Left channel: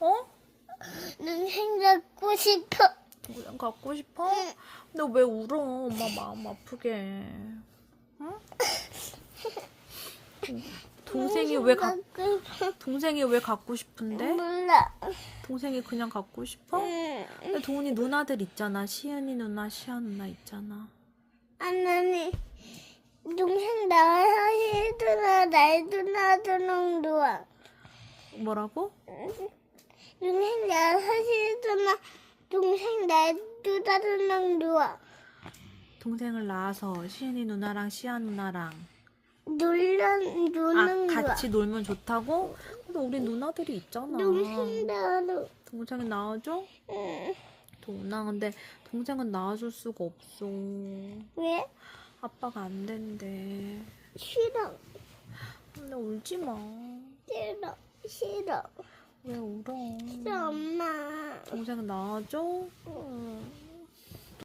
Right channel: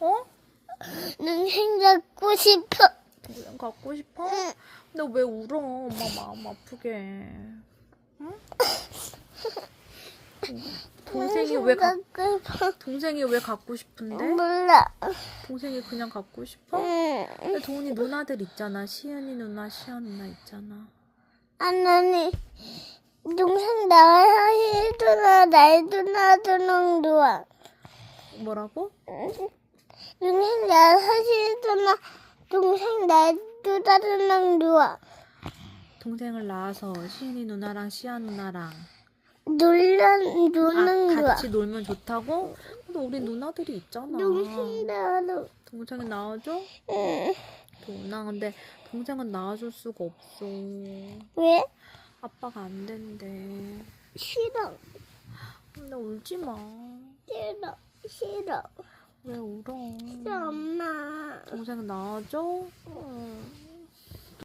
어? 동생 잡고 싶어. 동생 갖고 싶어? 너왜 울어? 엄마 마음 아프게. 응? 동생이 왜 갖, 갖고 싶어. 동생이 왜 갖고 싶은데? 몰라. 동생이 그냥 갖고 싶어? 응. 근데 도훈이 누나들 있잖아. 시은이 누나, 시아 누나 있잖아. 아나니 동생 나와야 누나 날 누나들은 좋아. 뭐라고? 동생 누나 동생 날 누나들은 좋아. 동생을 낳아서 시은이 누나랑 시아 누나랑 놀러 아, 노는 거야. 같이 놀면 좋다고? 근데 우리 누나들이 있잖아. 동생 나와도 동생은 낳아줘? 응. 도훈아 근데 동생은 낳아줄 수가 없어. 왜? 아빠가 안 된대. 싫어. 근데 울지 마. 싫어. 싫어. 왜 울어? 싫어 엄마. 동생 낳아줘? 응.